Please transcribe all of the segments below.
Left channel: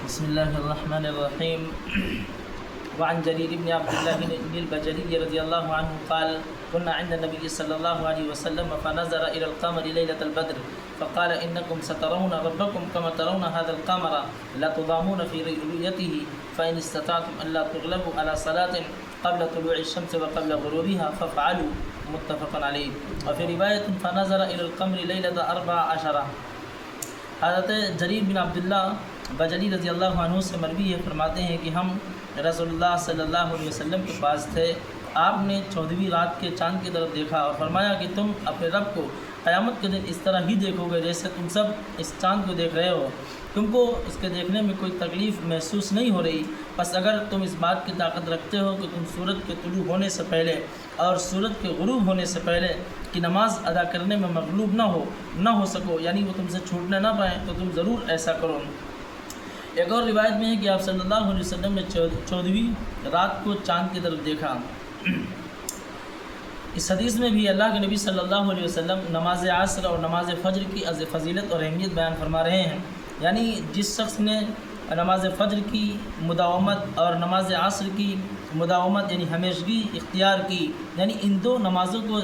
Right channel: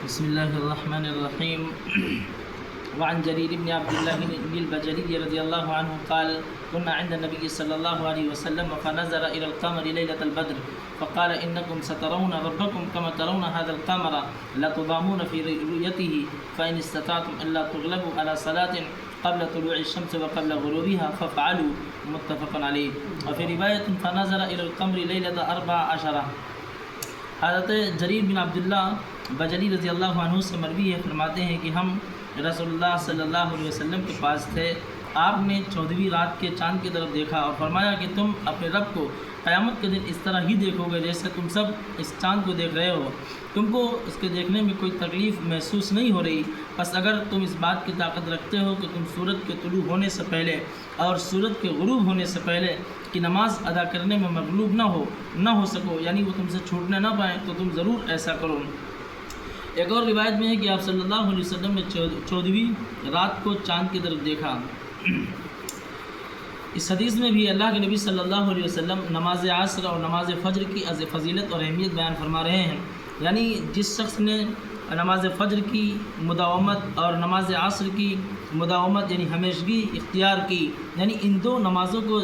بسم الله الرحمن الرحيم. وعن جرير بن عبد الله بن البجلي رضي الله عنه قال: كنا عند النبي صلى الله عليه وسلم فنظر إلى القمر ليلة البدر فقال: إنكم سترون ربكم كما ترون هذا القمر لا تضامون في رؤيته فإن استطعتم ألا تغلبوا على صلاة قبل طلوع الشمس وقبل غروبها فافعلوا. متفق عليه. وفي رواية فنظر إلى القمر ليلة 14. حضرت جریر بن عبداللہ بجلی رضی اللہ عنہ سے مروی ہے، فرماتے ہیں کہ ہم رسول اللہ صلی اللہ علیہ وسلم کے پاس تھے. آپ نے 14ویں رات کے چاند کی طرف دیکھا اور فرمایا کہ تم اپنے رب کو قیامت کے دن اس طرح ہی دیکھو گے جیسے تم سب اس چاند کو دیکھ رہے ہو. تم کو اس کے دیکھنے میں کوئی تکلیف محسوس نہیں ہو رہی. بس اگر تم اس بات کی طاقت رکھتے ہو کہ تم سورج کے طلوع ہونے سے پہلے اور سورج کے غروب ہونے سے پہلے کی نماز ادا کرنے میں مغلوب نہ ہو سکو، یعنی وہ تم سے چھوٹنے نہ پائیں، تو تم ضرور ایسا کرو. ایک اور روایت میں ہے کہ آپ صلی اللہ علیہ وسلم نے 14ویں رات کو چاند کی طرف دیکھا. اس حدیث میں بھی اللہ کے نبی صلی اللہ علیہ وسلم نماز عصر اور نماز فجر کی فضیلت اور اہمیت بیان فرما رہے ہیں. یعنی جس شخص نے نماز فجر کی مداومت اور نماز عصر کی مداومت یعنی ہمیشگی اختیار کی، یعنی ان دو نمازوں کو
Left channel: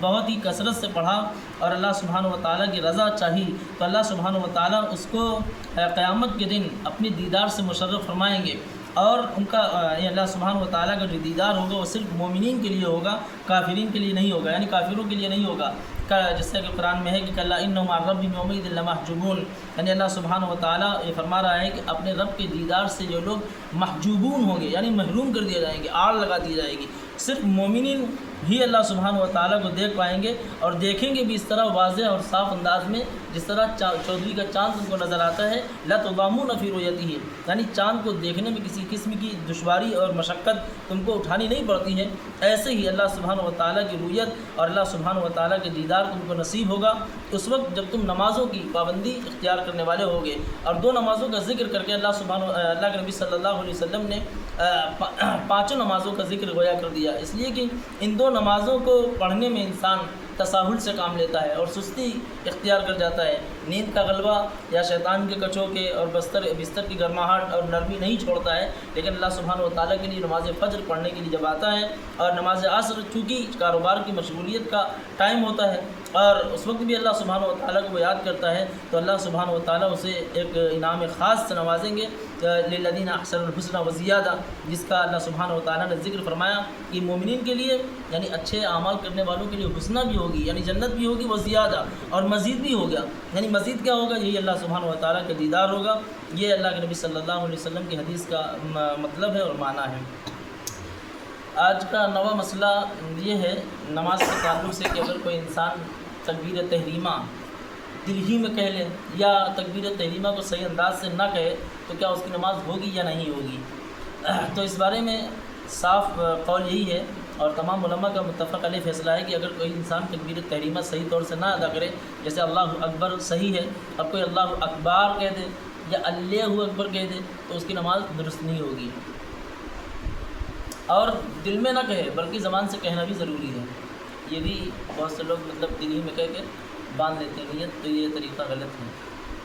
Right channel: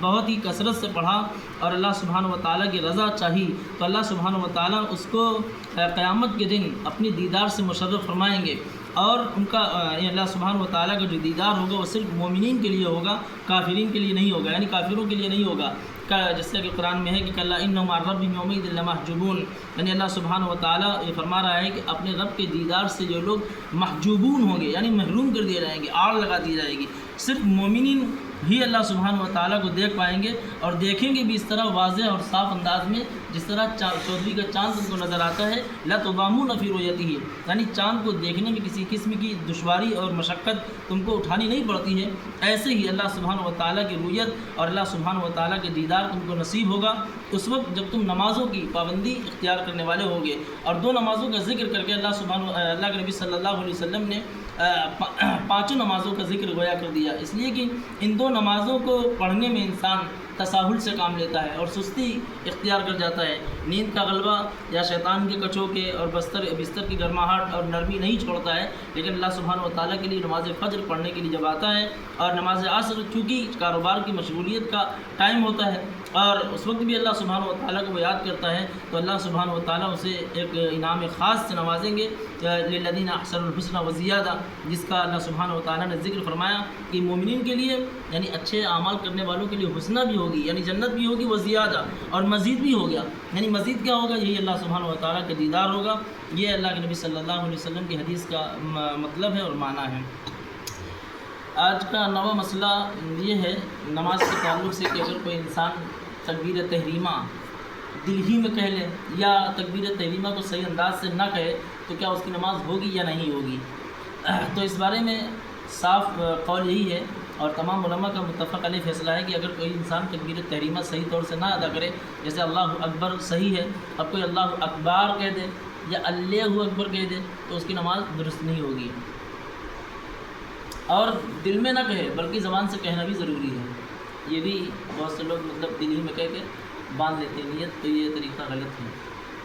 بہت ہی کثرت سے پڑھا اور اللہ سبحانہ و تعالیٰ کی رضا چاہی، تو اللہ سبحانہ و تعالیٰ اس کو قیامت کے دن اپنی دیدار سے مشرف فرمائیں گے. اور ان کا اللہ سبحانہ و تعالیٰ کا جو دیدار ہوگا وہ صرف مومنین کے لیے ہوگا، کافرین کے لیے نہیں ہوگا، یعنی کافروں کے لیے نہیں ہوگا. جیسا کہ قرآن میں ہے کہ کلا انہم عن ربہم یومئذ لمحجوبون، یعنی اللہ سبحانہ و تعالیٰ یہ فرما رہا ہے کہ اپنے رب کے دیدار سے جو لوگ محجوبون ہوں گے، یعنی محروم کر دیے جائیں گے، آڑ لگا دی جائے گی. صرف مومنین ہی اللہ سبحانہ و تعالیٰ کو دیکھ پائیں گے، اور دیکھیں گے بھی اس طرح واضح اور صاف انداز میں جس طرح 14ویں کا چاند تم کو نظر آتا ہے. لا تضامون فی رؤیتہ، یعنی چاند کو دیکھنے میں کسی قسم کی دشواری اور مشقت تم کو اٹھانی نہیں پڑتی ہے. ایسے ہی اللہ سبحانہ و تعالیٰ کی رؤیت اور اللہ سبحانہ و تعالیٰ کے دیدار تم کو نصیب ہوگا اس وقت جب تم نمازوں کی پابندی اختیار کرنے والے ہوں گے. اور دو نمازوں کا ذکر کر کے اللہ کے نبی صلی اللہ علیہ وسلم نے 5 نمازوں کا ذکر گویا کر دیا، اس لیے کہ ان 2 نمازوں کو پڑھنے میں انسان تساہل سے کام لیتا ہے اور سستی اختیار کر جاتا ہے. نیند کا غلبہ یا شیطان کے کچوکے اور بستر کی گرماہٹ اور نرمی نہیں چھوڑتا ہے. لیکن اللہ سبحانہ و تعالیٰ کے لیے نماز فجر پڑھنے کے لیے جب آتا ہے اور نماز عصر چونکہ کاروبار کی مشغولیت کا ٹائم ہوتا ہے اور اس وقت بھی اللہ سبحانہ و تعالیٰ کو وہ یاد کرتا ہے، تو اللہ سبحانہ و تعالیٰ اسے ایک انعام خاص سے نوازیں گے. للذین احسنوا الحسنى وزیادہ، جس کا اللہ سبحانہ و تعالیٰ نے ذکر فرمایا کہ مومنین کے لیے یعنی اچھے اعمال کرنے والوں کے لیے حسنہ بھی ہوگی، یعنی جنت بھی ہوگی، وہ زیادہ اور مزید بھی ہو گیا. یعنی مزید کیا ہوگا؟ یہی اللہ سبحانہ و تعالیٰ کا دیدار ہوگا. یہ اللہ کے نبی صلی اللہ علیہ وسلم کی حدیث کا مطلب ہے اور معنی ہے. آج کا نواں مسئلہ یہ ہے نماز کے تعلق سے کہ اگر کوئی انسان تکبیر تحریمہ دل ہی میں کہہ لے یا تکبیر تحریمہ کو صحیح انداز سے نہ کہے تو کیا اس کی نماز ہوگی یا نہیں ہوگی. تو اس بارے میں صاف قول یہی ہے اور تمام علماء کا متفق علیہ فیصلہ ہے کہ اگر کوئی انسان تکبیر تحریمہ صحیح طور سے نہ ادا کرے، جیسے اللہ اکبر صحیح ہے، اب کوئی اللہ اکبر کہہ دے یا اللہ اکبر کہہ دے تو اس کی نماز درست نہیں ہوگی. اور دل میں نہ کہے بلکہ زبان سے کہنا بھی ضروری ہے. یہ بھی بہت سے لوگ دل ہی میں کہہ کے باندھ لیتے ہیں نیت، تو یہ طریقہ غلط ہے.